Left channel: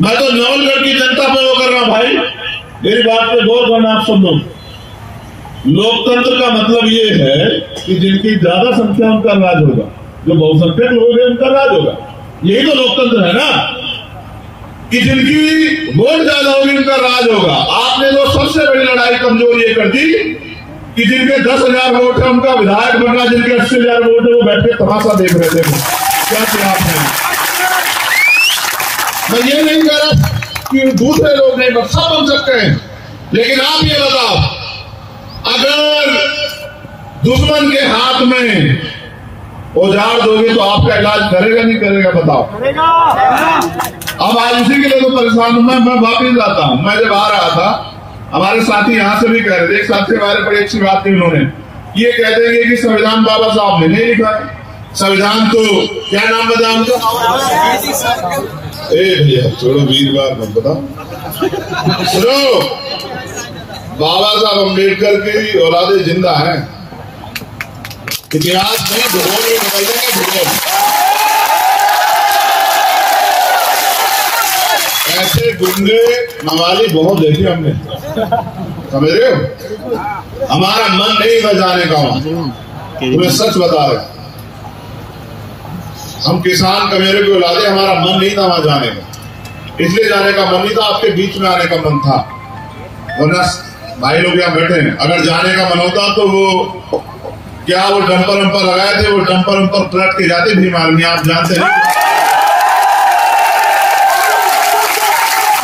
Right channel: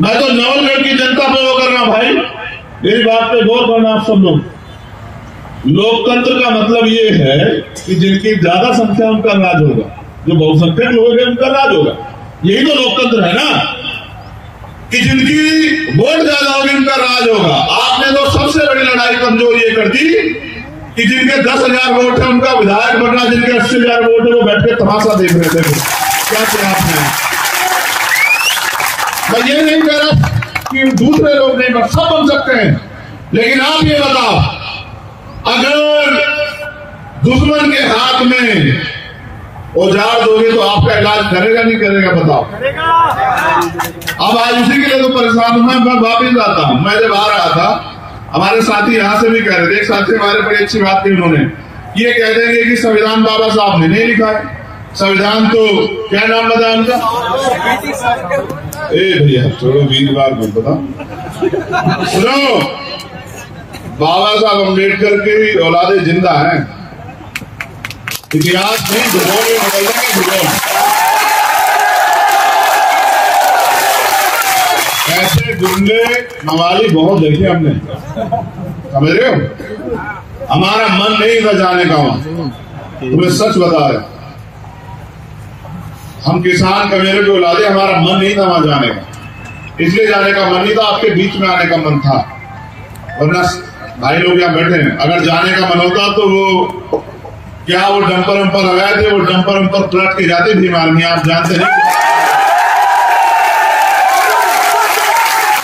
मैं तो नवलगढ़ की जनता पे वो कर रहा हूं भाई, मेरी बात पे गौर करना आप सब लोग। लोकतंत्र का मतलब ये है कि जिनकी ज्यादा संख्या उनका राज होगा, जो बहुसंख्यक लोग हैं उनका राज होगा। यही तो लोकतंत्र है ना, कि जिनकी वोट ज्यादा होगी उनका राज होगा। आपने तो सबसे बड़ी लड़ाई कमजोर ये कर दी कि जिनके 10,000 वोट है उनका विधायक बनना, जिनके 80,000 वोट है वो बैठ के तमाशा देख रहे थे। कैसे आपने, मैं ये नहीं कह रहा कि दूसरे लोग नहीं बन, सब बन सकते हैं, लेकिन आप ये बताओ, अगर दुश्मन के हाथ में औजार दोगे तो आपका इलाज करेगा नहीं करेगा बताओ? अब आज उसी के लिए तो परेशान हूं मैं वापिस आता हूं। मैं जब आ रहा था, हमारे साथी यहां से भी कह रहे थे, एक साथी हमारे बड़ी अच्छी बात की, उन्होंने ये कह देंगे कि संविधान बाबा साहब ने नहीं लिखा है। संविधान तो क्या नाम बता उनका? भैया छोड़ो, वीरवार को बताओ। सुनो, बाबा साहब अम्बेडकर की औलादे जिंदा है, इतिहास नहीं भूगोल में बदलता है। भूगोल ऐसे गुंडे मवाली बहुत देखे हमने, समझ रहे हो? हमारा मन नहीं था जाने का, तुम्हें सच बता रहे, हम किसान कमेरे को औलादे, हमारा मन नहीं था वहां जाने का, इसलिए जाने का मन नहीं था, आपके बीच में आने का मन था। वरना भाई लोग यहाँ बैठे हैं, अगर जाने का मन होता तो वो क्या वो डंपर वंपर लगाए थे, वो डंपर वंपर पलट के जाते भी मालूम, आप जानते नहीं।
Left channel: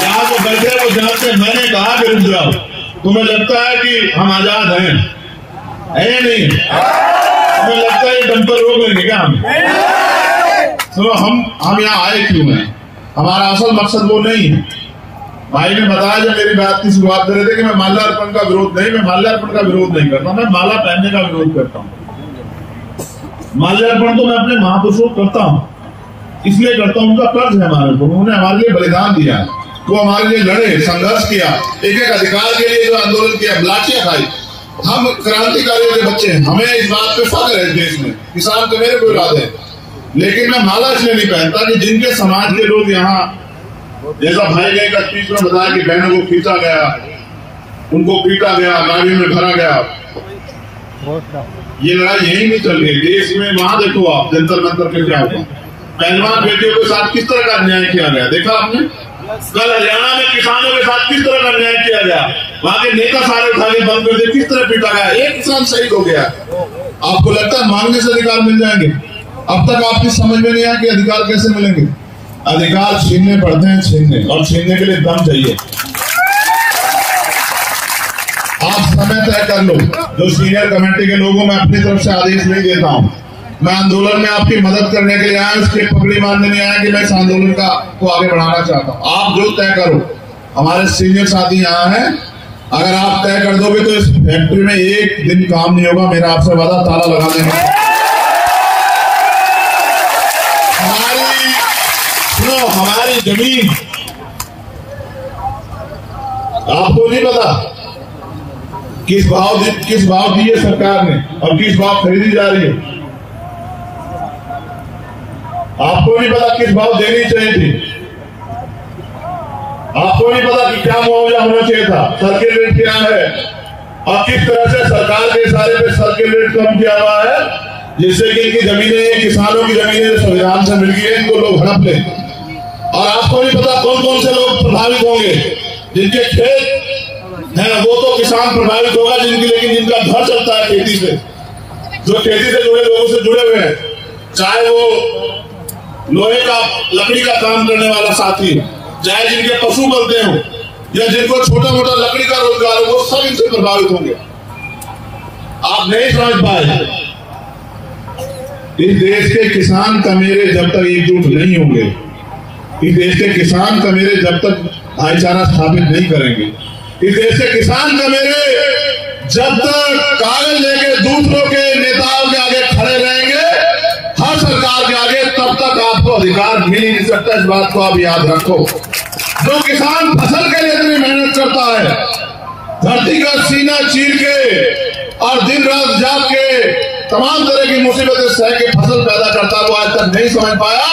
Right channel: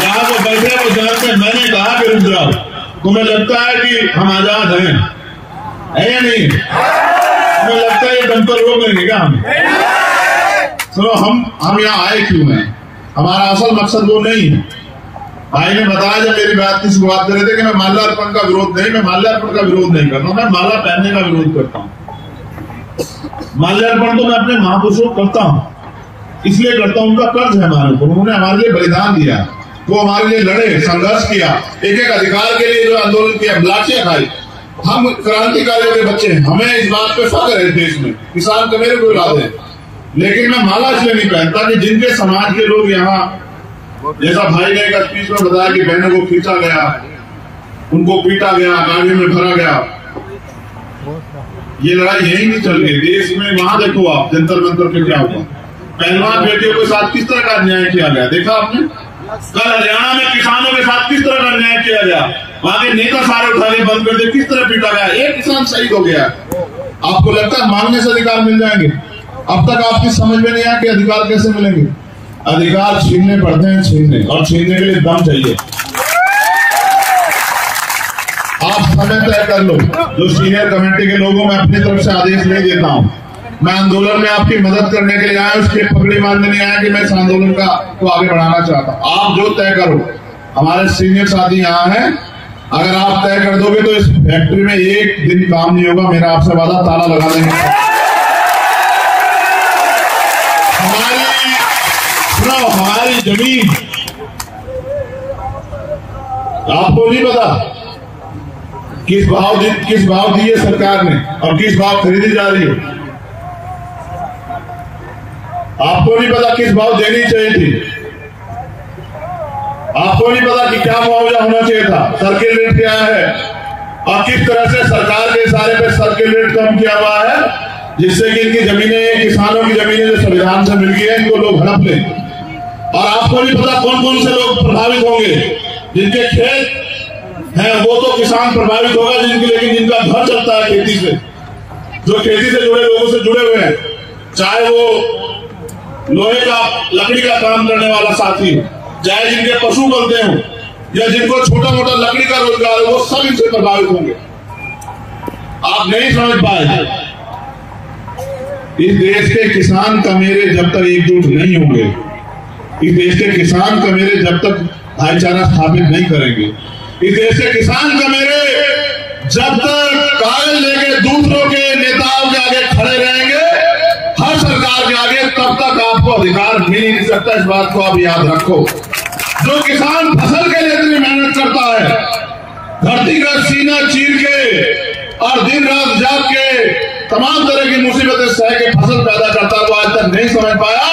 यहाँ वो बैठे वो जानते, मैंने कहा कि रुक जाओ, तुम्हें लगता है कि हम आजाद हैं, है या नहीं? तुम्हें लगता है डंपर रोक लेंगे क्या हमें? सुनो, हम यहाँ आए क्यों हैं? हमारा असल मकसद वो नहीं है। भाई ने बताया जब मेरी बात की शुरुआत कर रहे थे कि मैं माल्यार्पण का विरोध नहीं, मैं माल्यार्पण का विरोध नहीं करता, मैं माला पहनने का विरोध करता हूँ। माल्यार्पण तो मैं अपने महापुरुषों को करता हूँ, इसलिए करता हूँ, उनका कर्ज है हमारे को, उन्होंने हमारे लिए बलिदान दिया, वो हमारे लिए लड़े, संघर्ष किया, एक एक अधिकार के लिए जो आंदोलन किया, लाठियां खाई। हम क्रांतिकारियों के बच्चे हैं, हमें इस बात पे फख्र है देश में, किसान तो मेरे को इरादे है। लेकिन मैं माला इसलिए नहीं पहनता कि जिनके समाज के लोग यहाँ, जैसा भाई ने एक स्पीच में बताया कि बहनों को खींचा गया, उनको पीटा गया, गाड़ी में भरा गया, ये लड़ाई यही नहीं चल रही देश में। वहां देखो आप जंतर मंतर पे क्या हुआ, पहलवान बेटियों के साथ किस तरह का अन्याय किया गया, देखा आपने? कल हरियाणा में किसानों के साथ किस तरह का अन्याय किया गया, वहां के नेता सारे उठाने बंद कर दिए, किस तरह पीटा गया, एक किसान शहीद हो गया। आपको लगता है मांगने से अधिकार मिल जाएंगे? अब तक आपकी समझ में नहीं आया कि अधिकार कैसे मिलेंगे? अधिकार छीनने पड़ते हैं, छीनने, और छीनने के लिए दम चाहिए। आप समय तय कर लो, जो सीनियर कमेटी के लोगों में अपनी तरफ से आदेश नहीं देता हूं, मैं आंदोलन में आपकी मदद करने के लिए आया, उसके पगड़ी मारने नहीं आया कि मैं इस आंदोलन को आगे बढ़ाना चाहता हूं। आप जो तय करो, हमारे सीनियर साथी यहाँ हैं, अगर आप तय कर दोगे तो इस फैक्ट्री में एक दिन काम नहीं होगा, मेरा आपसे वादा, ताला लगा देंगे। हमारी जमीन आपको नहीं पता किस भाव दी है सरकार ने और किस भाव खरीदी जा रही है, आपको नहीं पता किस भाव देनी चाहिए थी, आपको नहीं पता कि क्या मुआवजा होना चाहिए था, सर्किल रेट क्या है, और किस तरह से सरकार के इशारे पे सर्किल रेट कम किया हुआ है, जिससे कि इनकी जमीनें, किसानों की जमीनें संविधान से मिल गई है, इनको लोग हड़प लें। और आपको नहीं पता कौन कौन से लोग प्रभावित होंगे, जिनके खेत हैं वो तो किसान प्रभावित होगा, लेकिन जिनका घर चलता है खेती से, जो खेती से जुड़े लोगों से जुड़े हुए हैं, चाहे वो लोहे का लकड़ी का काम करने वाला साथी हो, चाहे जिनके पशु बनते हो, या जिनको छोटा मोटा लकड़ी का रोजगार हो, वो सब इनसे प्रभावित होंगे। आप नहीं समझ पाए, इस देश के किसान कमेरे जब तक एकजुट नहीं होंगे, इस देश के किसान कमेरे जब तक भाईचारा स्थापित नहीं करेंगे, इस देश के किसान कमेरे जब तक कागज लेके दूसरों के नेताओं के आगे खड़े रहेंगे, हर सरकार के आगे, तब तक आपको अधिकार मिल ही नहीं सकता। इस बात को आप याद रखो। जो किसान फसल के लिए इतनी मेहनत करता है, धरती का सीना चीर के और दिन रात जाग के तमाम तरह की मुसीबतें सह के फसल पैदा करता, वो आज तक नहीं समझ पाया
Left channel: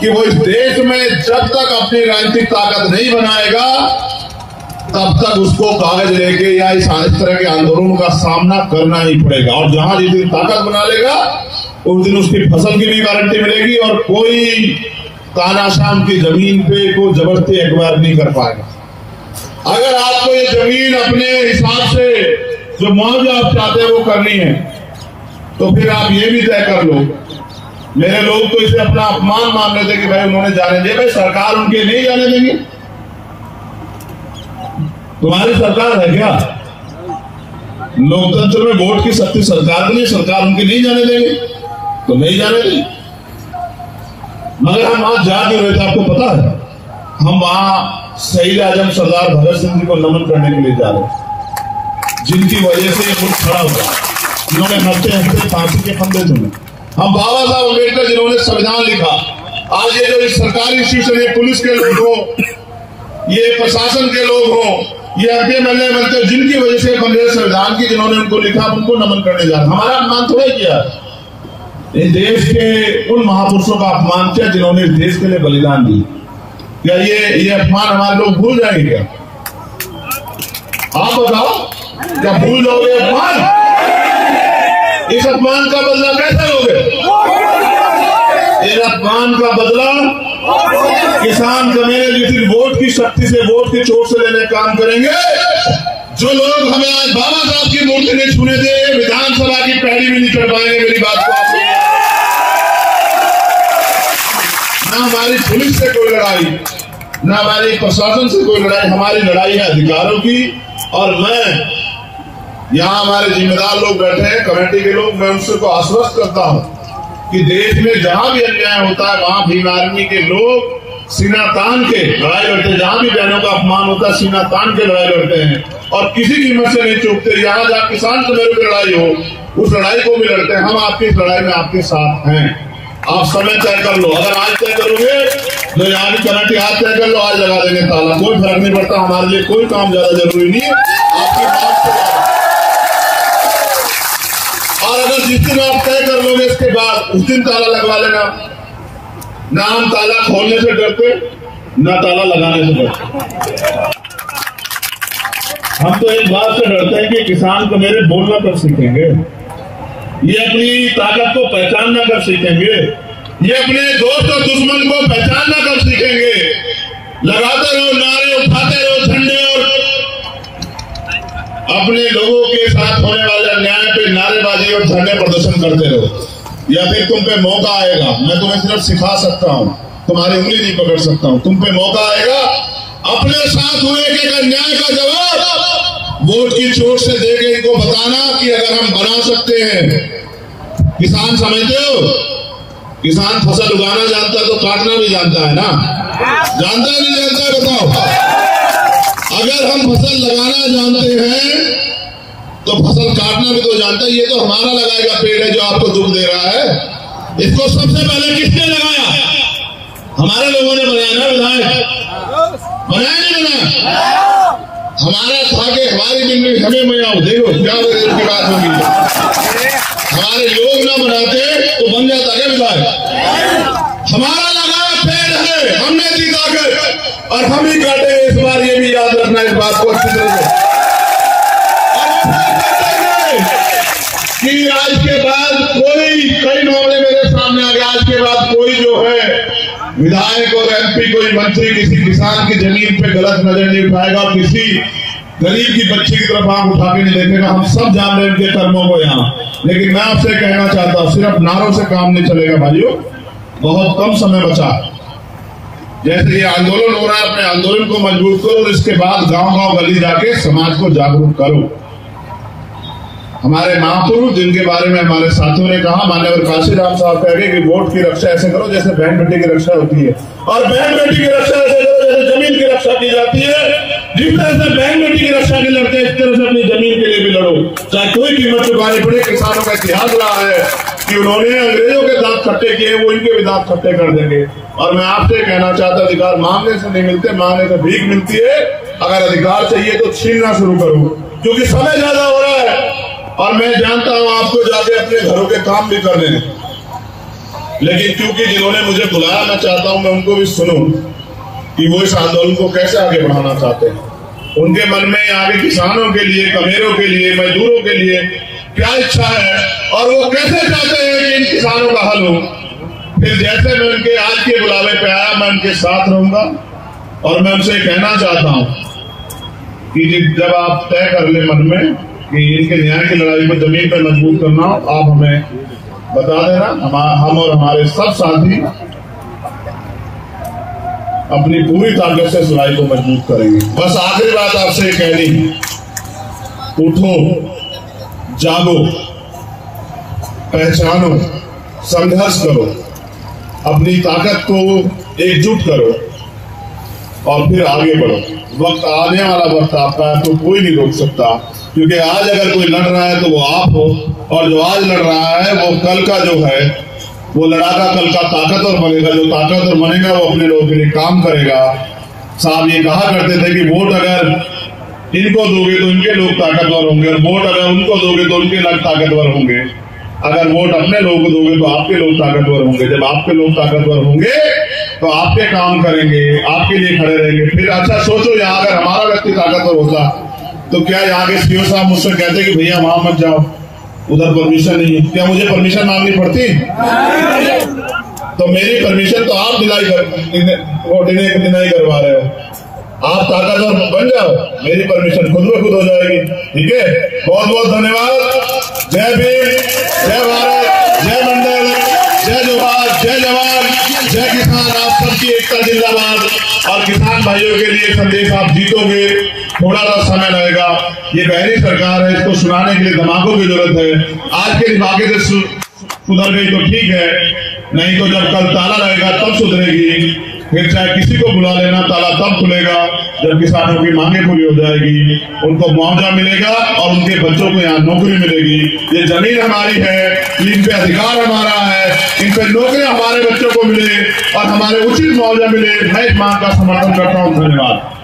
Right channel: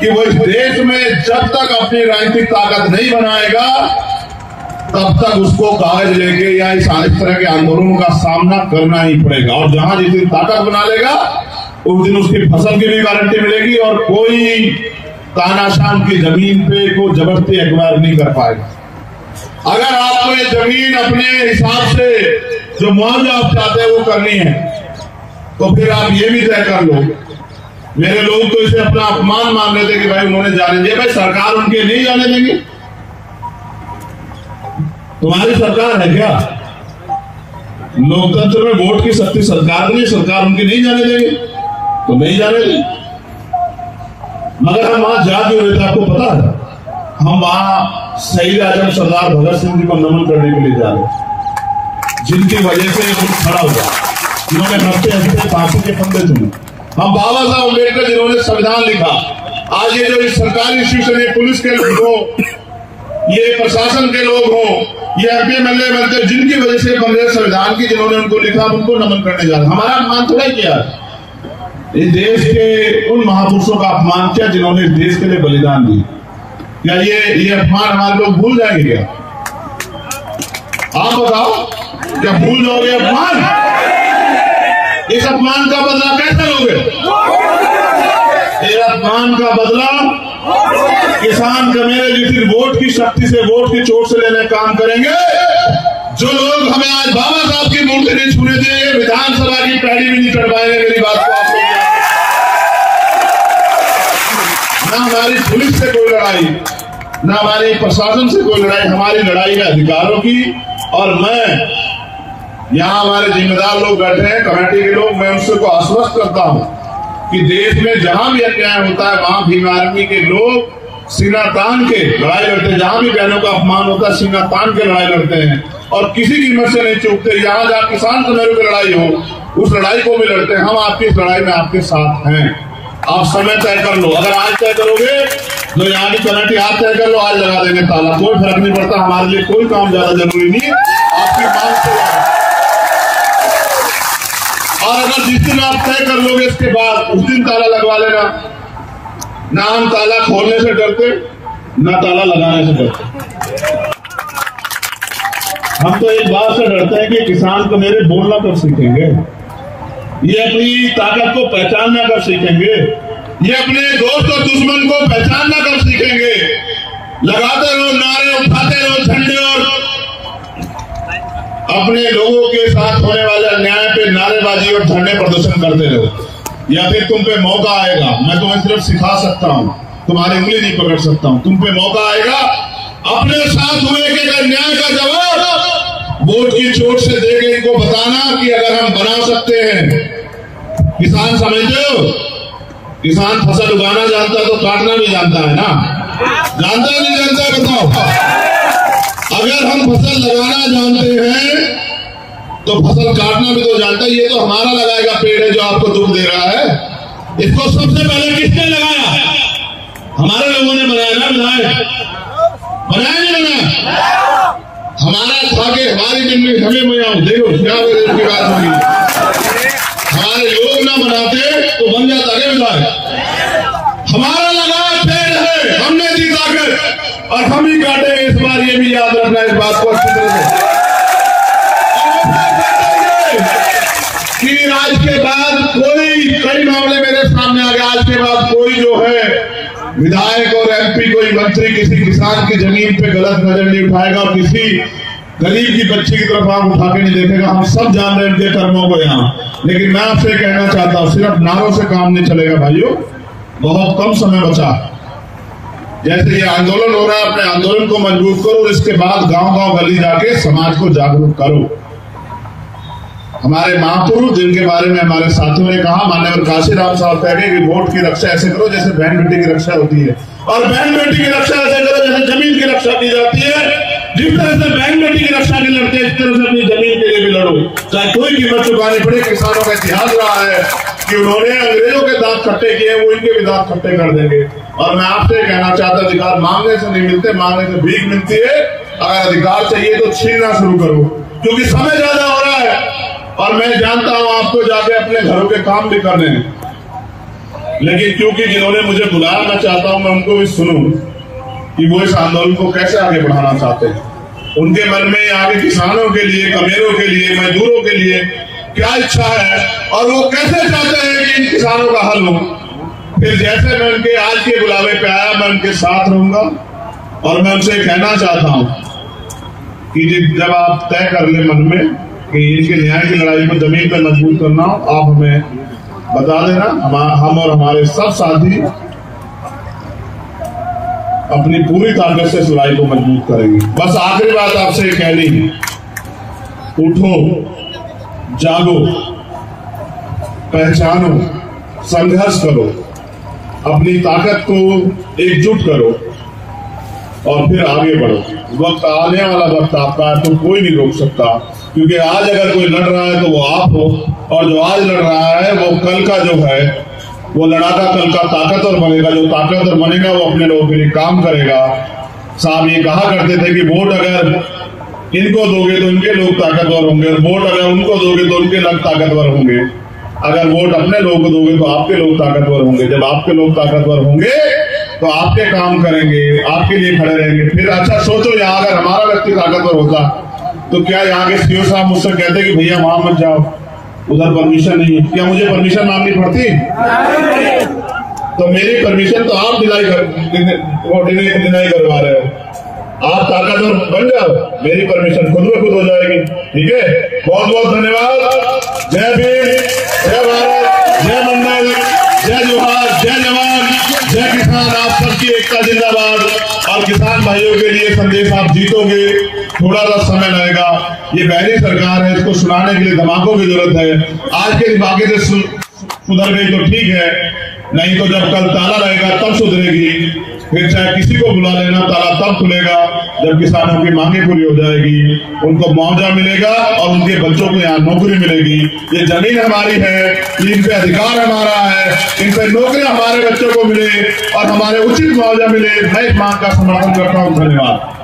कि वो इस देश में जब तक अपनी राजनीतिक ताकत नहीं बनाएगा तब तक उसको कागज लेके या इस तरह के आंदोलनों का सामना करना ही पड़ेगा। और जहां जिस दिन ताकत बना लेगा उस दिन उसकी फसल की भी गारंटी मिलेगी और कोई तानाशाह की जमीन पे कोई जबरदस्ती एक्वायर नहीं कर पाएगा। अगर आपको ये जमीन अपने हिसाब से जो मुआवजा आप चाहते हैं वो करनी है तो फिर आप ये भी तय कर लो। मेरे लोग तो इसे अपना अपमान मान लेते कि भाई उन्होंने जाने दिया। भाई सरकार उनके लिए जाने देगी? तुम्हारी सरकार है क्या? लोकतंत्र में वोट की शक्ति सरकार नहीं, सरकार उनके नहीं जाने देगी तो नहीं जाने देगी। मगर हम वहां जा भी रहे थे, आपको पता है हम वहां शहीद आजम सरदार भगत सिंह जी को नमन करने के लिए जा रहे, जिनकी वजह से ये खड़ा हुआ। उन्होंने हफ्ते हफ्ते फांसी के फंदे चुने। हम बाबा साहब अम्बेडकर जिन्होंने संविधान लिखा, आज ये जो इस सरकारी इंस्टीट्यूशन, पुलिस के लोग हो, ये प्रशासन के लोग हो, ये एमपी बनते जिनकी वजह से बने संविधान की, जिन्होंने उनको लिखा उनको नमन करने जा रहा। हमारा अपमान थोड़ा किया, इस देश के उन महापुरुषों का अपमान किया जिन्होंने इस देश के लिए बलिदान दी। क्या ये अपमान हमारे लोग भूल जाएंगे क्या? आप बताओ, क्या भूल जाओगे अपमान? इस अपमान का बदला कैसे लोगे? इस अपमान का बदला किसान का मेरे जिस वोट की शक्ति से, वोट की चोट से लेने काम करेंगे। जो लोग हमें आज बाबा साहब की मूर्ति नहीं छूने देंगे, विधानसभा की पैड़ी भी नहीं कर पाएंगे। मेरी बात को न हमारी पुलिस से कोई लड़ाई, न हमारी प्रशासन से कोई लड़ाई, हमारी लड़ाई है अधिकारों की। और मैं यहाँ हमारे जिम्मेदार लोग बैठे हैं, कमेटी के लोग, मैं उनसे को आश्वस्त करता हूँ कि देश में जहां भी अन्याय होता है वहां भीम आर्मी के लोग सीना तान के लड़ाई लड़ते हैं। जहां भी बहनों का अपमान होता है सीना तान के लड़ाई लड़ते हैं और किसी कीमत से नहीं चूकते। यहाँ जहाँ किसान सुनहरे की लड़ाई हो उस लड़ाई को भी लड़ते हैं। हम आपकी इस लड़ाई में आपके साथ हैं। आप समय तय कर लो, अगर आज तय करोगे तो यहाँ की कमेटी आज तय कर लो, आज लगा देंगे ताला, कोई फर्क नहीं पड़ता। हमारे लिए कोई काम ज्यादा जरूरी नहीं, आपकी बात से। और अगर जिस दिन आप तय कर लोगे इसके बाद उस दिन ताला लगवा लेना। ना हम ताला खोलने से डरते, ना ताला लगाने से डरते। हम तो एक बात से डरते हैं कि किसान को मेरे बोलना कब सीखेंगे, ये अपनी ताकत को पहचानना कब सीखेंगे, ये अपने दोस्त और दुश्मन को पहचानना कब सीखेंगे। लगाते रहो नारे, उठाते रहो झंडे और अपने लोगों के साथ होने वाले अन्याय पे नारेबाजी और झंडे प्रदर्शन करते रहो। या फिर तुम पे मौका आएगा, मैं तुम्हें सिर्फ सिखा सकता हूँ, तुम्हारी उंगली नहीं पकड़ सकता हूँ। तुम पे मौका आएगा अपने साथ हुए कि अन्याय का जवाब वोट की चोट से देके इनको बताना कि अगर हम बना सकते हैं। किसान समझते हो, किसान फसल उगाना जानता तो काटना भी जानता है ना, जानता नहीं जानता बताओ। अगर हम फसल लगाना जानते हैं तो फसल काटना भी तो जानता है। ये तो हमारा लगाएगा पेड़ है जो आपको दुख दे रहा है। इसको सबसे पहले किसने लगाया? हमारे लोगों ने बनाया ना, बनाया नहीं बनाया? हमारा था कि हमारी जिंदगी हमें मैं आऊं, देखो क्या की बात होगी। हमारे लोग ना बनाते तो बन जाता है विधायक। हमारा लगाया पेड़ है, हमने दी ताकत और हम ही काटे। इस बार ये भी याद रखना, इस बात को अच्छी तरह से कि आज के बाद कोई, कई मामले मेरे सामने आ गए, आज के बाद कोई जो है विधायक और एमपी, कोई मंत्री किसी किसान की जमीन पे गलत नजर नहीं उठाएगा और किसी गरीब की बच्ची की तरफ आंख उठा के नहीं देखेगा। हम सब जान रहे हैं उनके कर्मों को यहाँ, लेकिन मैं आपसे कहना चाहता हूँ सिर्फ नारों से काम नहीं चलेगा भाइयों। बहुत कम समय बचा, जैसे ये आंदोलन हो रहा है, अपने आंदोलन को मजबूत करो और इसके बाद गांव गांव गली जाके समाज को जागरूक करो। हमारे महापुरुष जिनके बारे में हमारे साथियों ने कहा, माननीय काशीराम साहब कह गए कि वोट की रक्षा ऐसे करो जैसे बहन बेटी की रक्षा होती है, और बहन बेटी की रक्षा ऐसे करो जैसे जमीन की रक्षा की जाती है। जिस तरह से बहन बेटी की रक्षा के लड़ते हैं, इस तरह से अपनी जमीन के लिए भी लड़ो, चाहे कोई कीमत चुकानी पड़े। किसानों का इतिहास रहा है कि उन्होंने अंग्रेजों के दांत खट्टे किए, वो इनके भी दांत खट्टे कर देंगे। और मैं आपसे कहना चाहता, अधिकार मांगने से नहीं मिलते, मांगने से भीख मिलती है। अगर अधिकार चाहिए तो छीनना शुरू करो, क्योंकि समय ज्यादा हो रहा है और मैं जानता हूं आपको जाके अपने घरों के काम भी करने हैं। लेकिन क्योंकि जिन्होंने मुझे बुलाया, मैं चाहता हूं मैं उनको भी सुनूं कि वो इस आंदोलन को कैसे आगे बढ़ाना चाहते हैं। उनके मन में यहाँ के किसानों के लिए, कमेरों के लिए, मजदूरों के लिए क्या इच्छा है और वो कैसे चाहते हैं कि इन किसानों का हल हो। फिर जैसे मैं उनके आज के बुलावे पे आया, मैं उनके साथ रहूंगा और मैं उनसे कहना चाहता हूं कि जब आप तय कर ले मन में कि इनके न्याय की लड़ाई को जमीन पर मजबूत करना, आप हमें बता देना। हम और हमारे सब साथी अपनी पूरी ताकत से इस लड़ाई को मजबूत करेंगे। बस आखिरी बात आपसे कहनी, उठो, जागो, पहचानो, संघर्ष करो, अपनी ताकत को एकजुट करो और फिर आगे बढ़ो। वक्त आने वाला वक्त आपका है तो कोई नहीं रोक सकता, क्योंकि आज अगर कोई लड़ रहा है तो वो आप हो, और जो आज लड़ रहा है वो कल का जो है वो लड़ाका कल का ताकतवर बनेगा। जो ताकतवर बनेगा वो अपने लोगों के लिए काम करेगा। साहब ये कहा करते थे कि वोट अगर इनको दोगे तो उनके लोग ताकतवर होंगे, और वोट अगर उनको दोगे तो उनके लोग ताकतवर होंगे। अगर वोट अपने लोगों को दोगे तो आपके लोग ताकतवर होंगे। जब आपके लोग ताकतवर होंगे तो आपके काम करेंगे, आपके लिए खड़े रहेंगे। फिर अच्छा सोचो, यहाँ अगर हमारा व्यक्ति ताकतवर होता तो क्या यहाँ के सीओ साहब मुझसे कहते कि भैया वहां मत जाओ, उधर परमिशन नहीं है। क्या मुझे परमिशन मांगनी पड़ती? तो मेरी परमिशन तो आप डिनाई करवा रहे हो। आप ताकतवर बन जाओ, मेरी परमिशन खुद में खुद हो जाएगी। ठीक है, बहुत बहुत धन्यवाद। जय भीम, जय भारत, जय मंडल, जय जोहार, जय जवान, जय किसान। आप सबकी एकता जिंदाबाद। और किसान भाइयों के लिए संदेश आप जीतोगे, थोड़ा सा समय लगेगा। ये पहली सरकार है, इसको सुनाने के लिए दिमागों की जरूरत है। आज के दिमागे से सुधर गई तो ठीक है, नहीं तो जब कल ताला रहेगा तब सुधरेगी। फिर चाहे किसी को बुला लेना, ताला तब खुलेगा जब किसानों की मांगे पूरी हो जाएगी, उनको मुआवजा मिलेगा और उनके बच्चों को यहाँ नौकरी मिलेगी। ये जमीन हमारी है, इन पे अधिकार हमारा है, इन पे नौकरी हमारे बच्चों को मिले और हमारे उचित मुआवजा मिले। मैं इस मांग का समर्थन करता हूँ। धन्यवाद।